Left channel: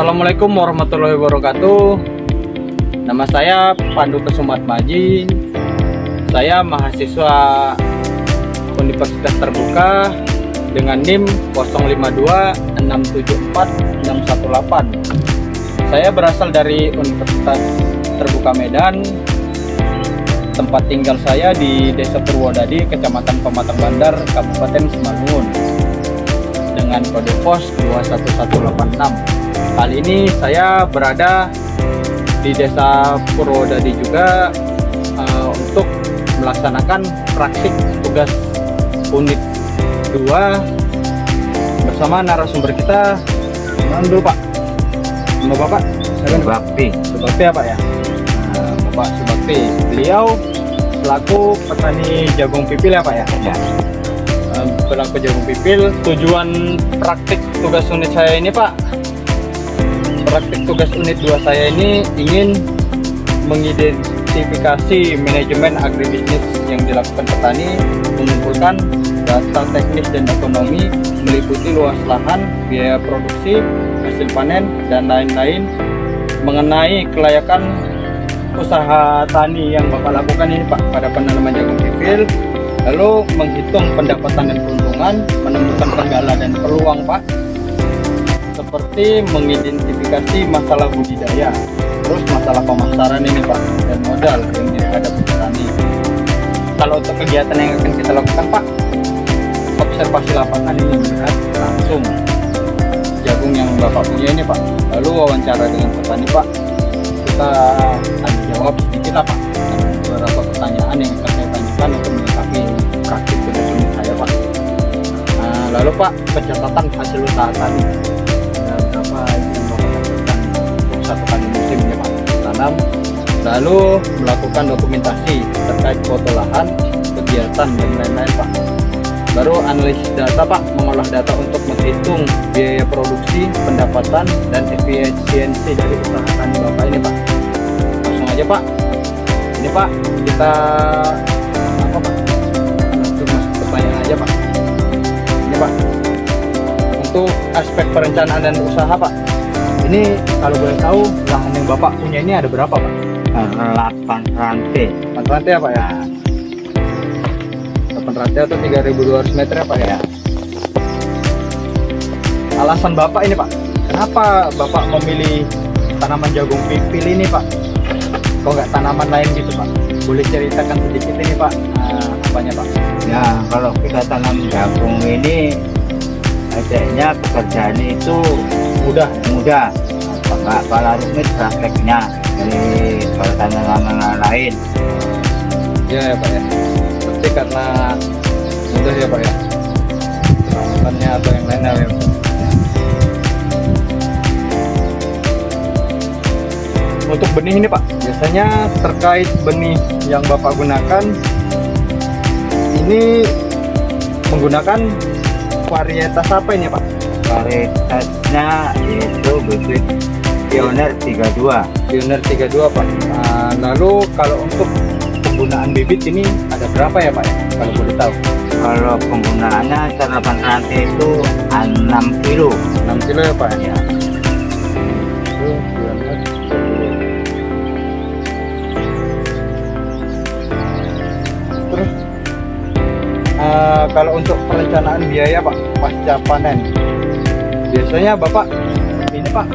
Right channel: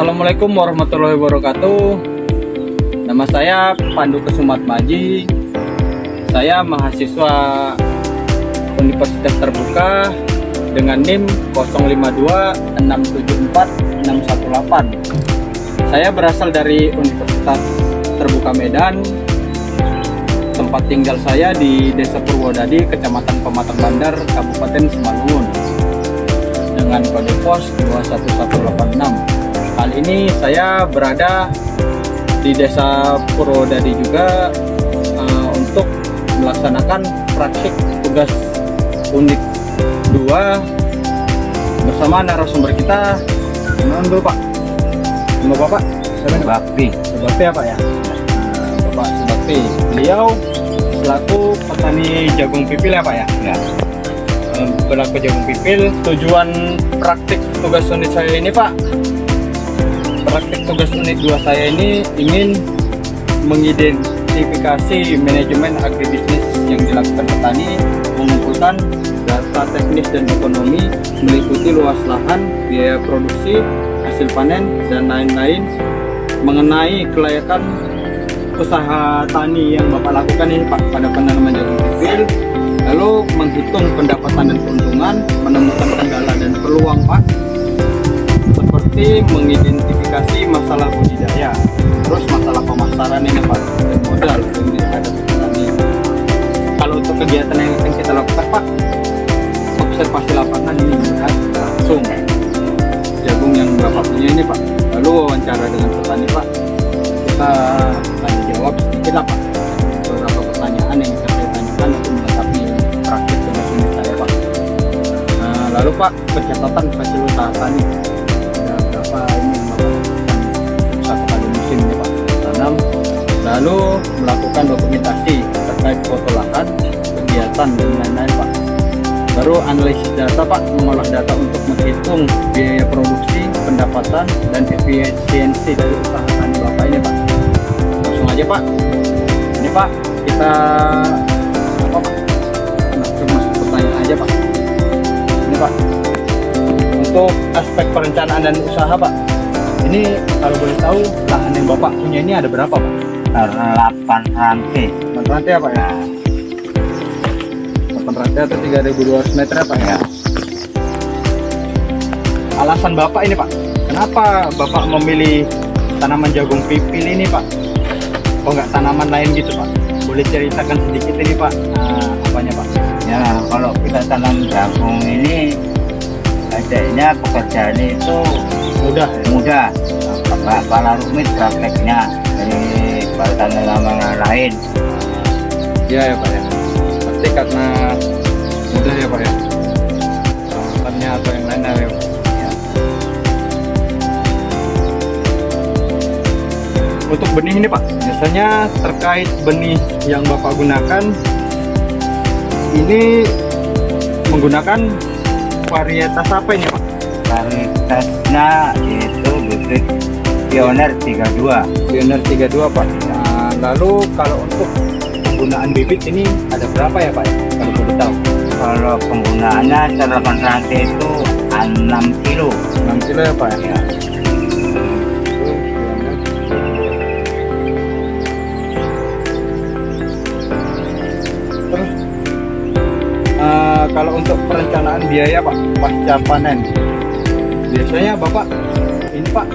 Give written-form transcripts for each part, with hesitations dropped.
Assalamualaikum warahmatullahi wabarakatuh. Nama saya Pandu Kesumat Maji. Saya mahasiswa Universitas Terbuka dengan NIM 0526746118. Saya berasal dari Universitas Terbuka Medan. Tempat tinggal saya di Desa Purwodadi, Kecamatan Pematang Bandar, Kabupaten Simalungun, dengan kode pos 21186. Kali ini saya berada di Desa Purwodadi juga untuk melaksanakan praktik tugas unit 2 bersama narasumber kita. Mana dulu Pak? Nama Bapak? Subakti. Subakti apa ya? Bapak Subakti. Beliau selaku petani jagung pipil ya Pak ya? Ya. Pelaku jagung pipil. Tujuan praktik tugas unit saya ini Pak, praktik tugas unit 2 saya ini ingin mengidentifikasi manajemen agribisnis yang dilakukan petani, mengumpulkan data teknis dan ekonomi meliputi luas lahan, biaya produksi, hasil panen, dan lain-lain mengenai kelayakan usaha tani yang Bapak lakukan ini Pak pada penanaman jagung pipil, lalu menghitung pendapatan dan keuntungan, menemukan kendala dan peluang Pak, seperti mengidentifikasi masalah budidaya, terus masalah pemasaran ini Pak, dan modal yang dihadapi petani. Kalau untuk kegiatan yang akan kita lakukan Pak, observasi lapangan ini, melihat langsung jagung yang Bapak punya ini Pak, lalu wawancara dengan petani Pak, kita tanya jawab sedikit lah Pak, ada beberapa pertanyaan yang akan saya tanyakan untuk melengkapi praktik tugas unit saya Pak. Nah, lalu Pak, pencatatan hasil usaha tani, ada berapa ini yang Bapak lakukan untuk 1 kali musim ini Pak tanam, lalu melakukan dokumentasi terkait foto lahan, kegiatan dan lain-lain Pak. Baru analisis data Pak, mengolah data untuk menghitung biaya produksi, pendapatan, dan efisiensi dari usaha tani Bapak ini Pak. Langsung aja Pak, ini Pak, kita apa Pak? Langsung masuk pertanyaan aja Pak. Ini Pak, untuk aspek perencanaan dan usaha Pak, ini kalau boleh tahu lahan yang Bapak punya ini ada berapa Pak? 8 rantai. 8 rantai apa ya? 8 rantai atau 3.200 meter apa ya? Alasan Bapak ini Pak, kenapa Bapak memilih tanaman jagung pipil ini Pak? Kok nggak tanaman lain gitu Pak? Boleh ceritakan sedikit ini Pak, apanya Pak? Ya, kalau kita tanam jagung ini kayaknya pekerjaannya itu Mudah. Nggak kalah rumit prakteknya dari tanaman lain. Iya ya Pak ya. Pasti karena mudah ya Pak ya. Perawatannya atau yang lain ya Pak. Untuk benih ini Pak, biasanya terkait benih yang Bapak gunakan ini menggunakan varietas apa ini Pak? Varietasnya itu bibit Pioneer 32. Pioneer 32 Pak. Nah, lalu kalau untuk penggunaan bibit ini ada berapa ya Pak ya? Kalau boleh tahu. Kalau penggunaannya 8 rantai itu 6 kilo. 6 kilo ya Pak ya? Ya. Itu Pioneer 32. Terus kalau untuk perencanaan biaya Pak pasca panen, biasanya Bapak ini Pak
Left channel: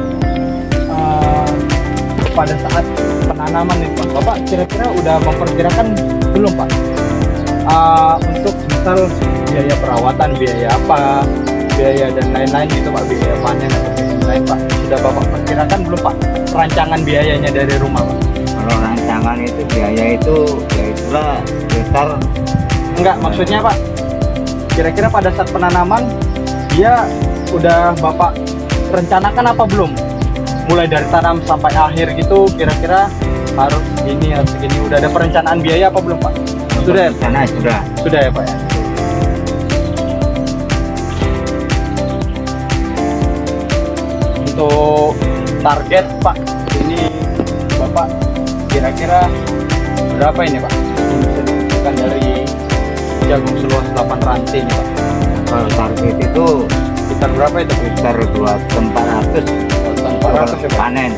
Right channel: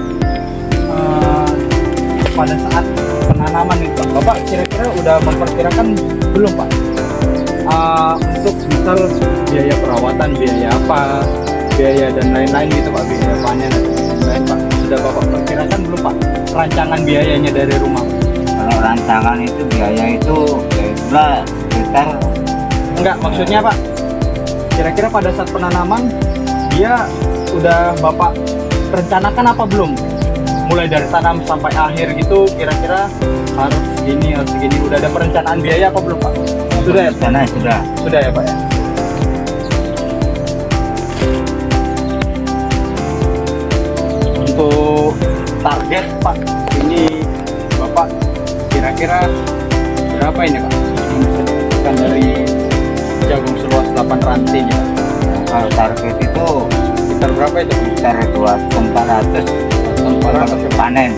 pada saat penanaman itu Pak, Bapak kira-kira udah memperkirakan belum Pak untuk misal biaya perawatan, biaya apa, biaya dan lain-lain gitu Pak, biaya panen dan lain-lain Pak, sudah Bapak perkirakan belum Pak rancangan biayanya dari rumah Pak? Kalau rancangan itu biaya itu ya itulah sekitar. Enggak, maksudnya Pak, kira-kira pada saat penanaman dia udah Bapak rencanakan apa belum? Mulai dari tanam sampai akhir gitu, kira-kira harus segini, udah ada perencanaan biaya apa belum Pak? Sudah ya? Sudah ya Pak ya? Untuk target Pak, ini Bapak kira-kira berapa ini Pak? Bukan dari jagung seluas 8 rantai ini Pak. Kalau target itu sekitar berapa itu? sekitar 2.400. 400 kalau panen.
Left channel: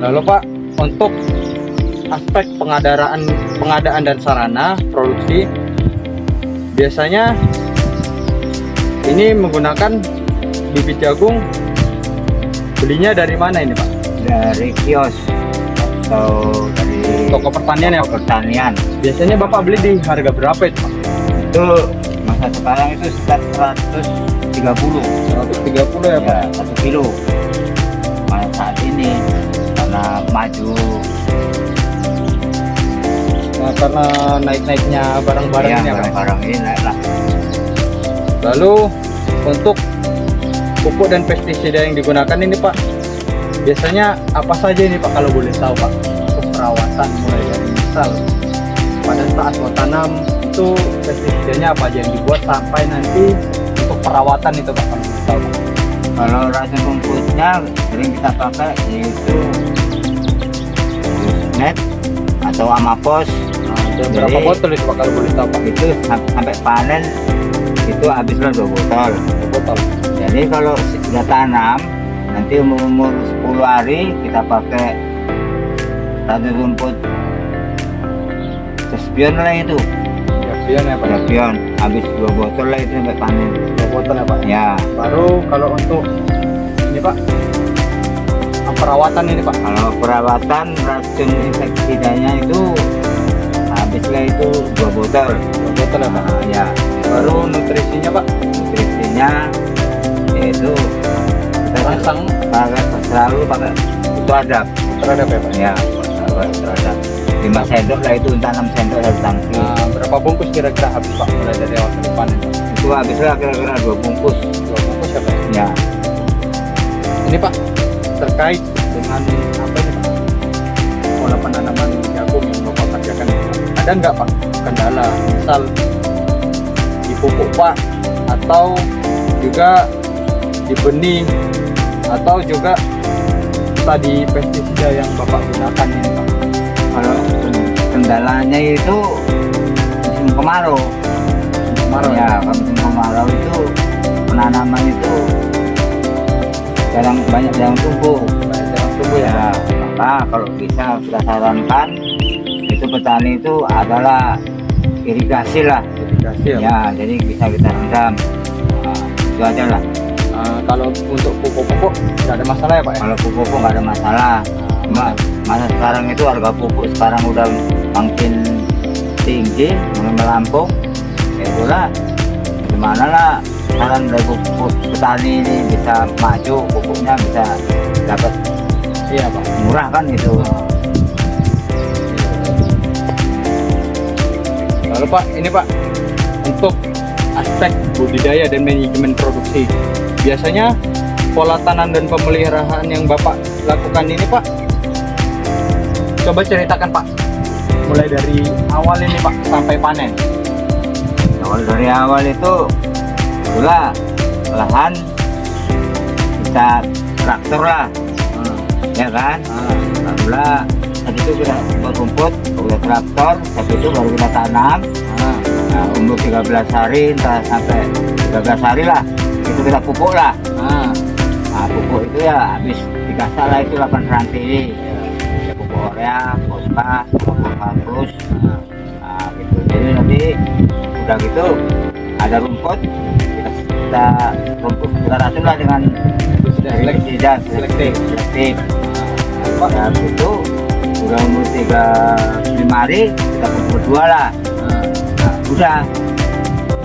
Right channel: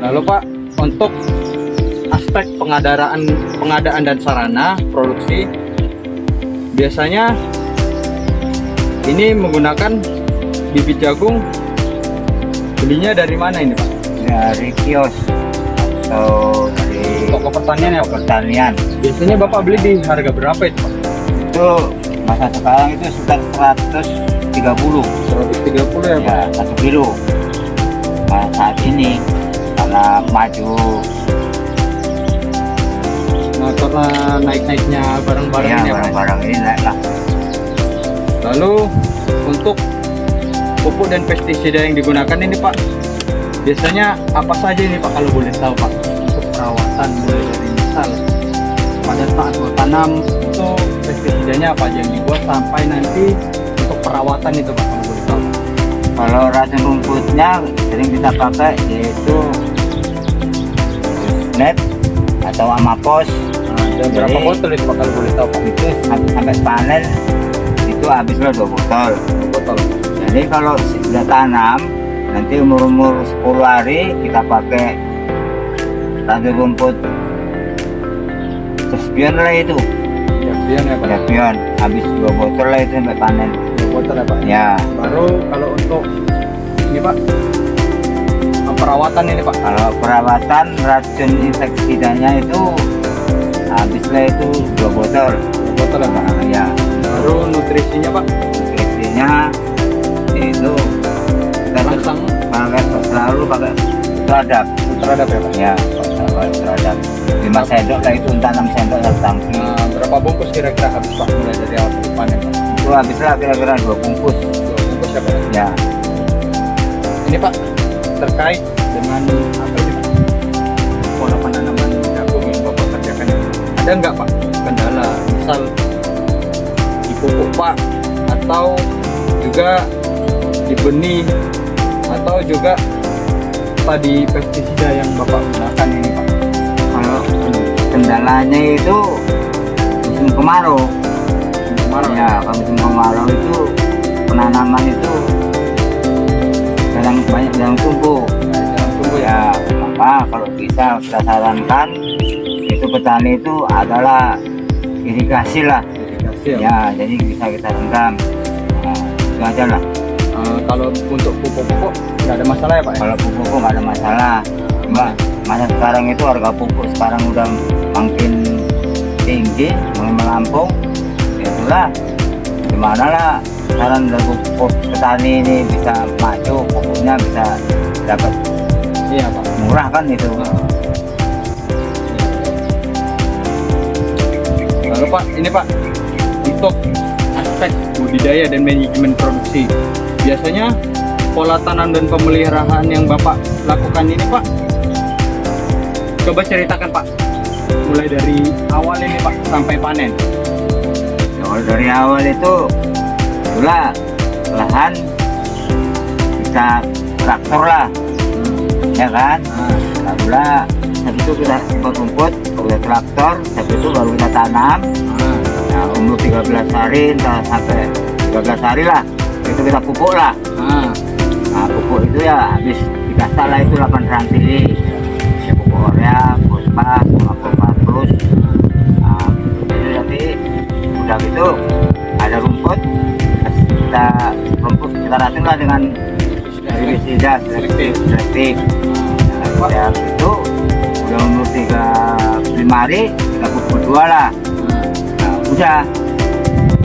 Lalu Pak, untuk aspek pengadaan dan sarana produksi, biasanya ini menggunakan bibit jagung, belinya dari mana ini Pak? Dari kios atau dari Toko pertanian ya? toko pertanian. Biasanya Bapak beli di harga berapa itu Pak? Itu masa sekarang itu sekitar 130 130 ya Pak? ya 1 kilo. Nah, saat ini karena maju Nah, karena naik-naiknya barang-barangnya ya, Pak. barang-barang ini naik lah. Lalu untuk pupuk dan pestisida yang digunakan ini Pak, biasanya apa saja ini Pak kalau boleh tahu Pak? Untuk perawatan mulai dari misal pada saat mau tanam itu pestisidanya apa aja yang dibuat sampai nanti untuk perawatan itu Pak kalau boleh tahu Pak? Kalau racun rumputnya sering kita pakai yaitu net atau amapos. Nah, berapa Jadi- botol itu Pak kalau boleh tahu Pak? Itu sampai panen itu habislah 2 botol. 2 botol. Jadi kalau sudah tanam nanti umur 10 hari kita pakai racun rumput Cespion lah itu. Ya, biar ya Pak. Cespion habis 2 botol lah itu sampai panen. 2 botol ya Pak. Ya, Baru kalau untuk ini Pak, perawatan ini Pak. kalau perawatan racun inseksidanya itu habislah itu 2 botol. 2 botol ya Pak. Nah, ya, Baru nutrisinya Pak, nutrisinya itu kita rangsang pakai selalu pakai itu ada terhadap ya Pak. ya pakai ada 5 sendok lah itu entah 6 sendok satu tangki. Nah, berapa bungkus kira-kira habis Pak mulai dari awal sampai panen Pak? Itu habislah kira-kira 2 bungkus 2 bungkus ya Pak. ya. Ini Pak terkait dengan apa ini Pak? Pola penanaman jagung yang Bapak kerjakan ini, Pak. Ada nggak Pak kendala misal di pupuk Pak atau juga di benih atau juga tadi pestisida yang Bapak gunakan ini Pak? Kalau kendalanya itu musim kemarau. Kemarau Ya, kalau musim kemarau itu penanaman itu jarang tumbuh. Jarang tumbuh ya. Ya, maka kalau bisa kita sarankan itu petani itu adalah irigasi lah. Irigasi ya. Ya, jadi bisa kita rendam. Nah, itu aja lah. Kalau untuk pupuk-pupuk nggak ada masalah ya Pak ya? Kalau pupuk nggak ada masalah. Cuma masa sekarang itu harga pupuk sekarang udah makin tinggi, mulai melampung. Itulah gimana lah saran dari pupuk petani ini bisa maju, pupuknya bisa dapat Iya Pak. murah kan itu. Lalu Pak, ini Pak untuk aspek budidaya dan manajemen produksi, biasanya pola tanam dan pemeliharaan yang Bapak lakukan ini Pak, coba ceritakan Pak, mulai dari awal ini Pak sampai panen. Kalau dari awal itu itulah lahan kita traktor lah, ya kan. Lalu habis itu kita simpan rumput, udah traktor, habis itu baru kita tanam. Nah, umur 13 hari entah sampai 13 hari lah itu kita pupuk lah. Nah, pupuk itu ya habis dikasih lah itu 8 rantai ya, pupuk urea, fosfat, fosfat plus. Nah, gitu. Jadi nanti udah gitu ada rumput kita racun lah dengan herbisida selektif. Nah, ya itu udah umur 35 hari kita pupuk 2 lah. Nah, udah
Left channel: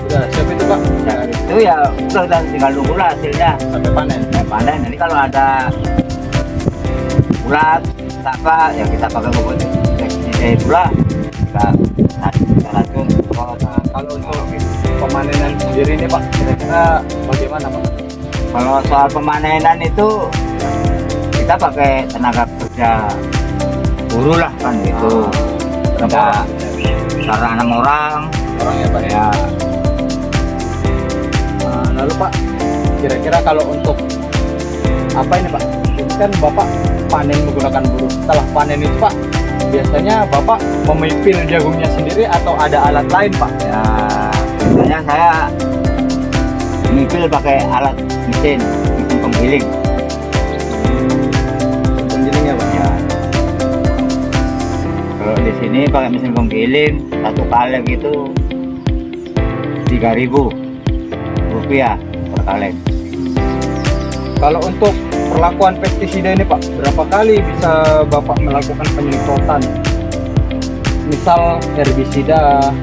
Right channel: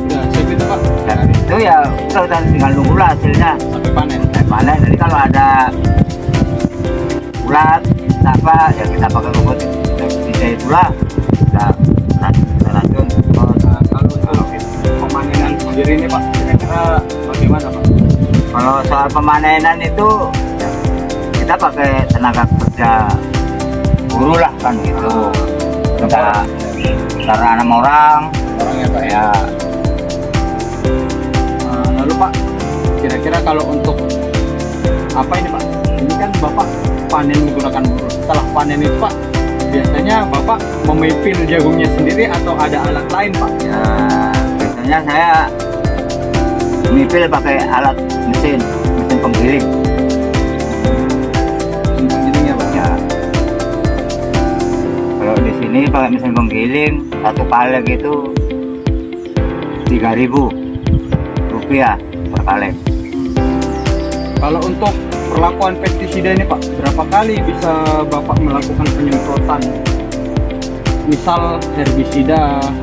siap itu Pak, dan itu ya udah tinggal nunggu lah hasilnya sampai panen. panen. Jadi kalau ada ulat apa ya kita pakai rumput insektisida itulah kita racun. Kalau untuk pemanenan sendiri ini Pak, kira-kira bagaimana Pak? Kalau soal pemanenan itu kita pakai tenaga kerja buruh lah kan gitu. Kita karena 6 orang Orangnya Pak ya. ya. Lalu Pak, kira-kira kalau untuk apa ini Pak? Ini kan Bapak panen menggunakan buruh. Setelah panen itu Pak, biasanya Bapak memipil jagungnya sendiri atau ada alat lain Pak? Ya biasanya saya Mipil pakai alat mesin penggiling. Mesin penggiling ya Pak? Ya. Kalau di sini pakai mesin penggiling, satu kaleng itu 3.000 rupiah per kaleng. Kalau untuk perlakuan pestisida ini Pak, berapa kali bisa Bapak melakukan penyemprotan? Misal herbisida,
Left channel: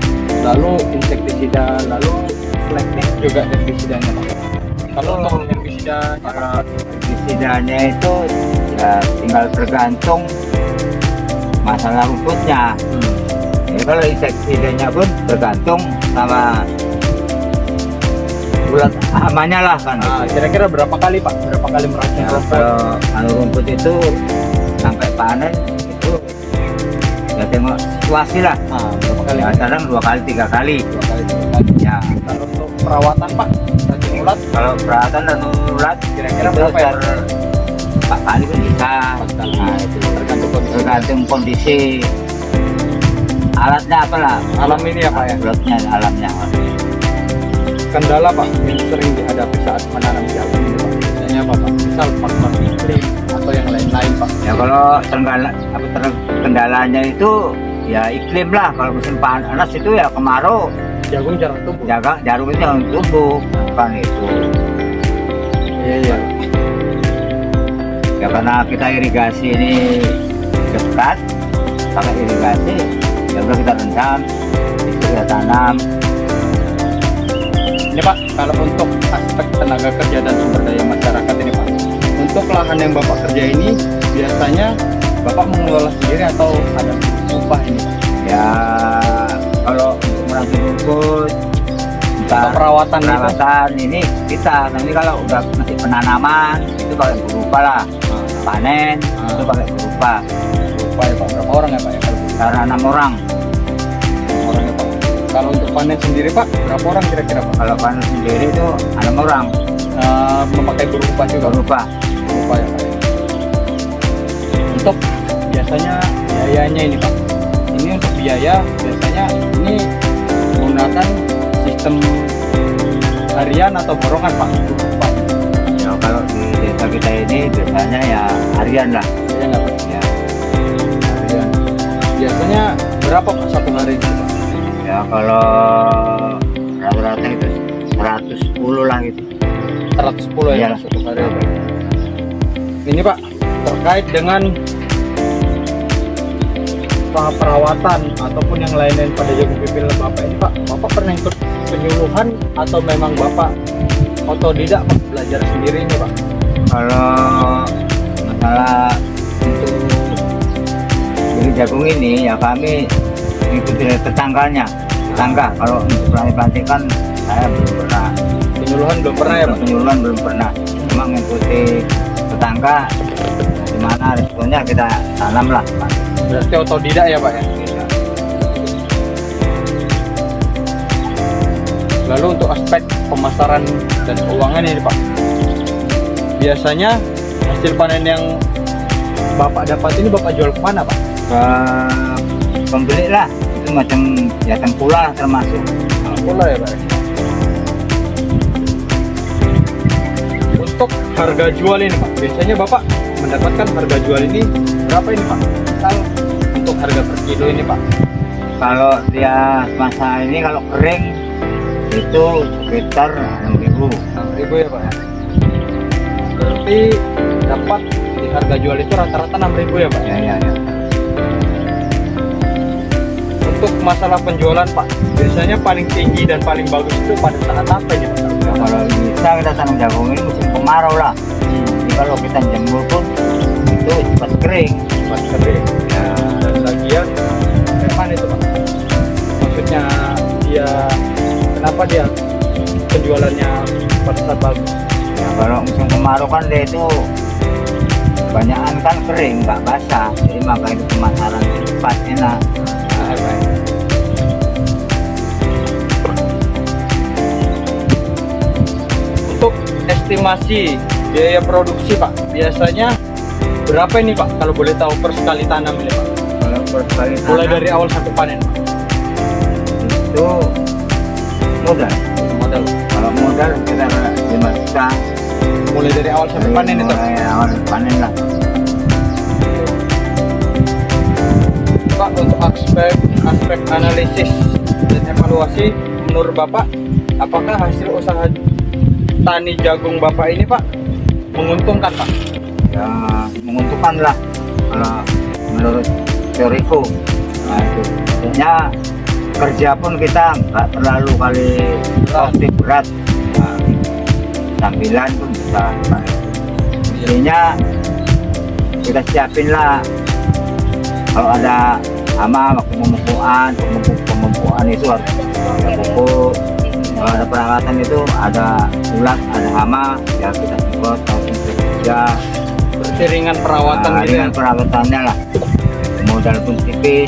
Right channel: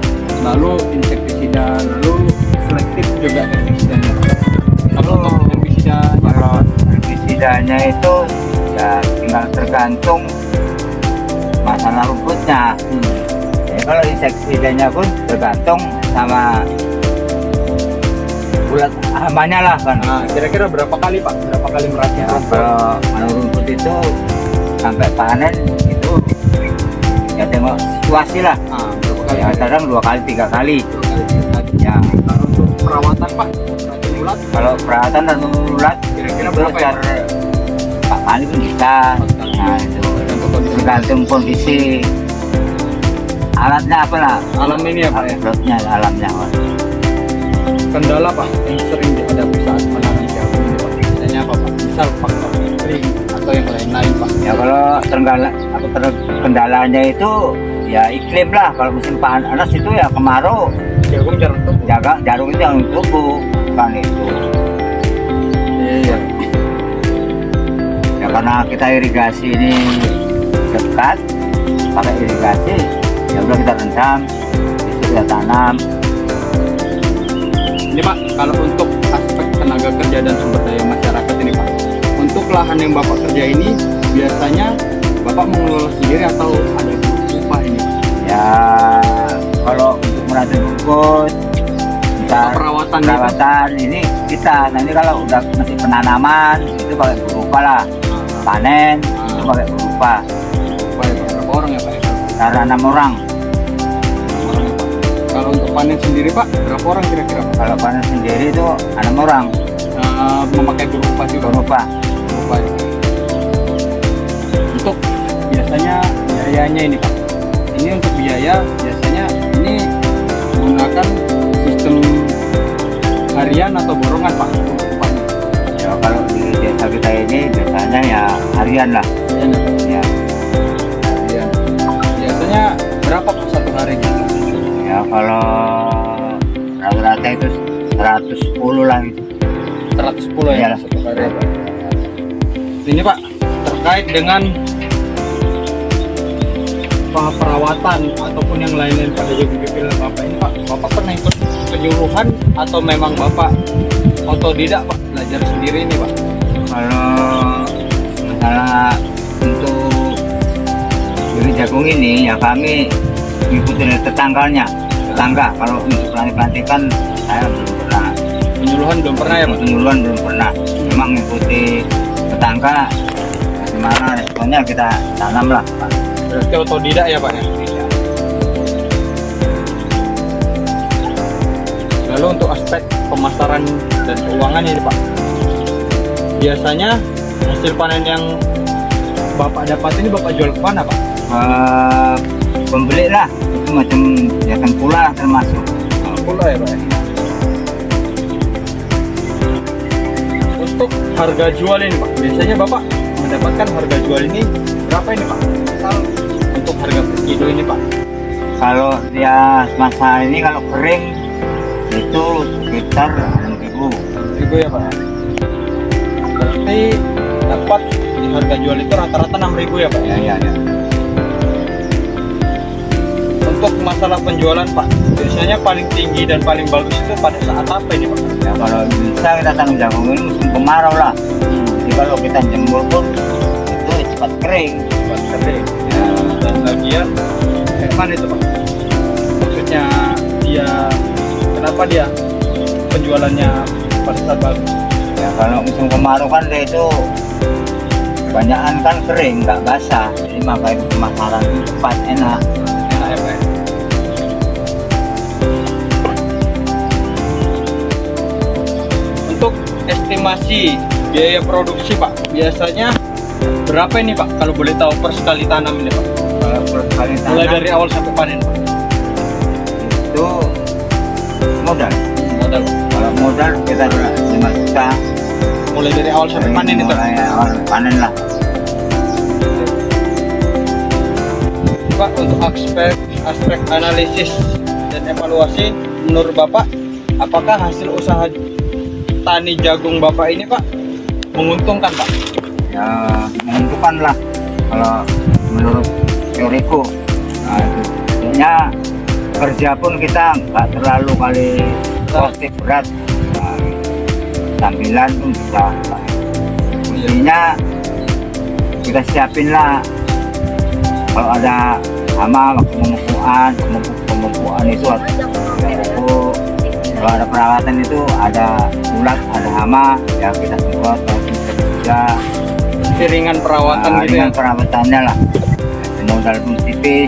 lalu insektisida, lalu selektif juga herbisidanya Pak. Kalau untuk herbisida, Kalau herbisidanya itu ya tinggal tergantung masalah rumputnya. Jadi kalau insektisidanya pun tergantung sama bulat hamanya lah kan. nah, kira-kira berapa kali Pak? Berapa kali meracun Ya, rumput? kalau anu rumput itu sampai panen itu ya tengok situasi lah. Nah, berapa kali? Ya kadang 2 kali 3 kali. 2 kali 3 kali. Ya Kalau untuk perawatan Pak, racun ulat kalau perawatan dan ulat kira-kira itu berapa ya? 4 kali pun bisa. 4 kali. Nah itu Tergantung kondisi. tergantung kondisi alatnya apalah. Alam ini ya Pak ya. Alatnya alamnya. Kendala Pak yang sering dihadapi saat menanam jagung ini Pak, biasanya apa Pak? Misal faktor iklim atau yang lain-lain Pak. Ya kalau kendalanya itu ya iklim lah. Kalau musim panas itu ya kemarau, Jagung jarang tumbuh. jarum itu yang tumbuh kan itu. Iya. Ya karena kita irigasi ini dekat, pakai irigasi, ya udah kita rendam, itu kita tanam. Ini Pak, kalau untuk aspek tenaga kerja dan sumber daya masyarakat ini Pak, untuk lahan yang Bapak kerja ini biasanya Bapak mengelola sendiri atau ada upah ini? Ya kalau untuk meracun rumput, kita Perawatan gitu? perawatan ini kita. Nanti kalau udah masih penanaman itu pakai berupa lah. Panen itu pakai berupa. Upah ya Pak, berapa orang ya Pak? Karena 6 orang. Orang ya Pak. Kalau untuk panen sendiri Pak, berapa orang kira-kira Pak? Kalau panen sendiri itu 6 orang Memakai berupa juga? berupa. Berupa ya Pak. Untuk biasanya biayanya ini Pak, ini untuk biaya biasanya ini menggunakan sistem harian atau borongan Pak untuk upahnya? Ya kalau di desa kita ini biasanya ya harian lah. Ya nggak Pak? Ya, Harian. Biasanya berapa Pak satu hari itu Pak? ya kalau rata-rata itu 110 lah gitu. 110 ya Iya. Pak, satu hari ya Pak. Ini Pak terkait dengan perawatan ataupun yang lain-lain pada jagung pipil Bapak ini Pak, Bapak pernah ikut penyuluhan atau memang Bapak otodidak Pak, belajar sendiri ini Pak? Kalau masalah untuk beli jagung ini ya kami mengikuti tetangga. Kalau untuk pelantikan saya belum pernah. Penyuluhan belum pernah ya Pak? Penyuluhan belum pernah. Memang mengikuti tetangga. Gimana responnya kita tanam lah Pak. Berarti otodidak ya Pak ya? Lalu untuk aspek pemasaran dan keuangan ini Pak, biasanya hasil panen yang Bapak dapat ini Bapak jual kemana Pak? Pembeli lah itu macam ya tengkulak lah termasuk. Pula ya Pak ya? Untuk harga jual ini Pak, biasanya Bapak mendapatkan harga jual ini berapa ini Pak? Misal untuk harga per kilo ini Pak? Kalau dia masa ini kalau kering itu sekitar 6.000. 6.000 ya Pak ya? Berarti dapat di harga jual itu rata-rata 6.000 ya Pak? Ya. Untuk masalah penjualan Pak, biasanya paling tinggi dan paling bagus itu pada saat apa ini Pak? Ya kalau bisa kita tanam jagung ini musim kemarau lah. Jadi kalau kita jemur pun itu cepat kering. Cepat kering. Ya. Dan bagian kayak mana itu Pak? Maksudnya dia, kenapa dia penjualannya pada saat bagus? Ya kalau musim kemarau kan dia itu kebanyakan kan kering, nggak basah. Jadi makanya pemasaran itu cepat enak. Nah, ya Pak ya? Untuk estimasi biaya produksi Pak, biasanya berapa ini Pak kalau boleh tahu per sekali tanam ini Pak? Kalau per kali Mulai tanam dari awal sampai panen Pak? itu modal. Modal. Kalau Kalau modal kita 5 juta. Mulai dari awal sampai panen itu. Mulai awal panen lah. Pak, untuk aspek analisis dan evaluasi menurut Bapak, apakah hasil usaha tani jagung Bapak ini Pak menguntungkan Pak? Ya menguntungkan lah kalau menurut teoriku. Nah itu pokoknya kerja pun kita nggak terlalu kali positif berat. Nah, sambilan pun bisa. Intinya kita siapin lah kalau ada hama waktu pemupukan itu harus ada pupuk. Kalau ada perawatan itu ada ulat, ada hama, ya kita semprot, kita kerja. Ringan perawatan gitu Ringan perawatannya lah. Modal pun tipis.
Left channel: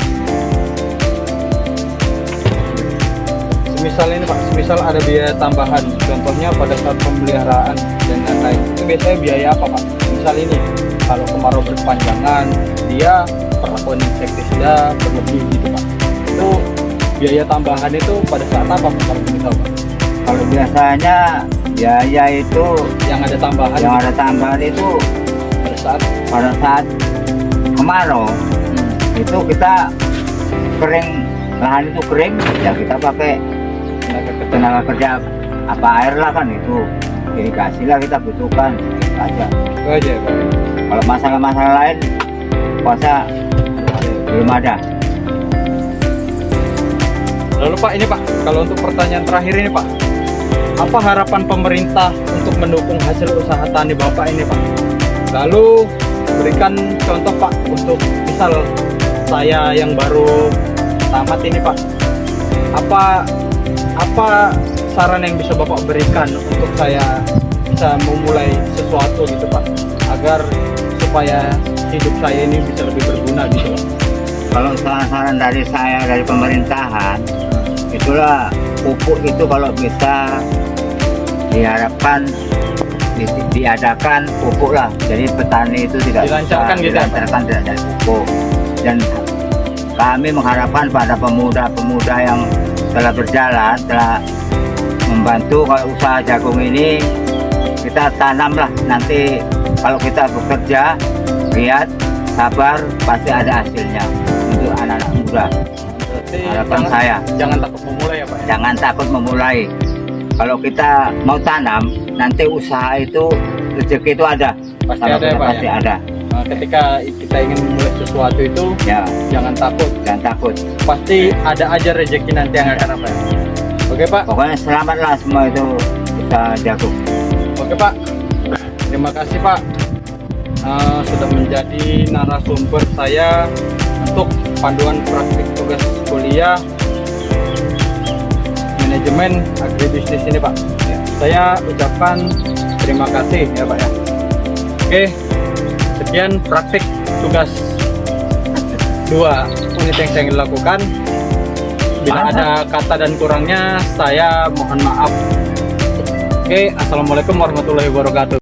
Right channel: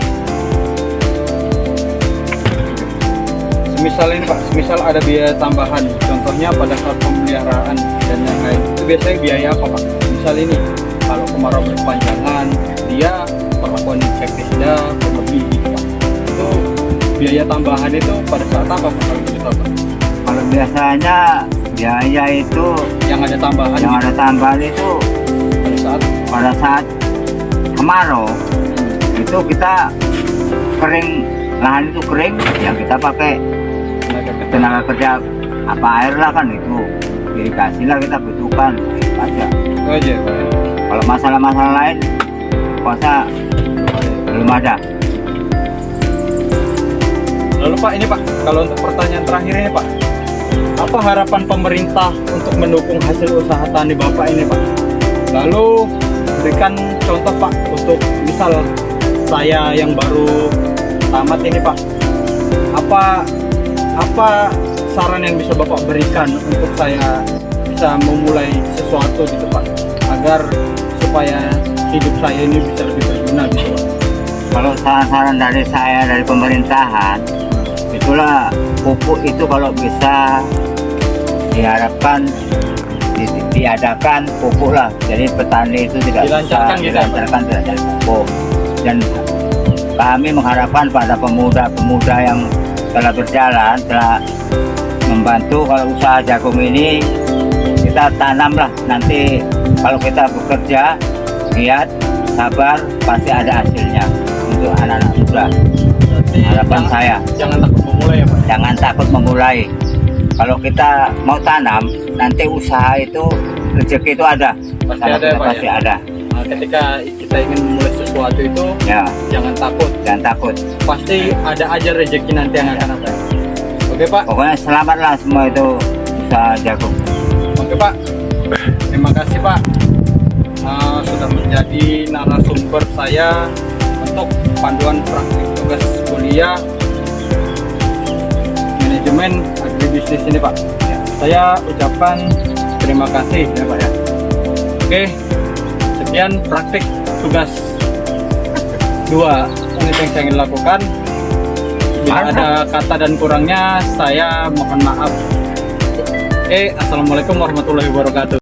Semisal ini Pak, semisal ada biaya tambahan, contohnya pada saat pemeliharaan dan lain-lain, itu biasanya biaya apa Pak? Misal ini, kalau kemarau berkepanjangan, dia perlakuan insektisida berlebih gitu Pak. Itu biaya tambahan itu pada saat apa Pak kalau boleh tahu Pak? Kalau biasanya biaya itu Yang ada tambahan yang gitu, ada tambahan itu pada saat kemarau itu kita kering, lahan itu kering, ya kita pakai tenaga kerja apa air lah kan, itu irigasi lah kita butuhkan aja. itu aja Pak. Kalau masalah-masalah lain kuasa belum ada. Lalu Pak ini Pak, kalau untuk pertanyaan terakhir ini Pak, apa harapan pemerintah untuk mendukung hasil usaha tani Bapak ini Pak? Lalu berikan contoh Pak untuk misal saya yang baru tamat ini Pak, apa saran yang bisa Bapak berikan untuk saya bisa memulai sesuatu gitu Pak, agar supaya hidup saya ini bisa lebih berguna gitu Pak. Kalau saran-saran dari saya dari pemerintahan, itulah pupuk itu kalau bisa diharapkan diadakan pupuk lah, jadi petani itu tidak Dilancarkan bisa gitu, dilancarkan tidak dari pupuk. Dan kami mengharapkan pada pemuda-pemuda yang telah berjalan, telah membantu kalau usaha jagung ini kita tanam lah, nanti kalau kita bekerja giat sabar pasti ada hasilnya untuk anak-anak muda. Berarti Harapan saya jangan takut memulai ya Pak. jangan takut memulai. Kalau kita mau tanam, nanti usaha itu rezeki itu ada. Pasti Kalau ada kita Pak pasti ya. ada. Nah, ketika kita ingin memulai sesuatu itu Ya, jangan takut, jangan takut. pasti ada aja rezeki nanti yang akan datang. Oke Pak. Pokoknya selamatlah semua itu usaha jagung. Oke Pak, terima kasih Pak sudah menjadi narasumber saya untuk panduan praktik tugas kuliah manajemen agribisnis ini Pak. Ya. Saya ucapkan terima kasih ya Pak ya. Oke, sekian praktik tugas 2 unit yang saya ingin lakukan. Bila Mantap. ada kata dan kurangnya saya mohon maaf. Oke, assalamualaikum warahmatullahi wabarakatuh.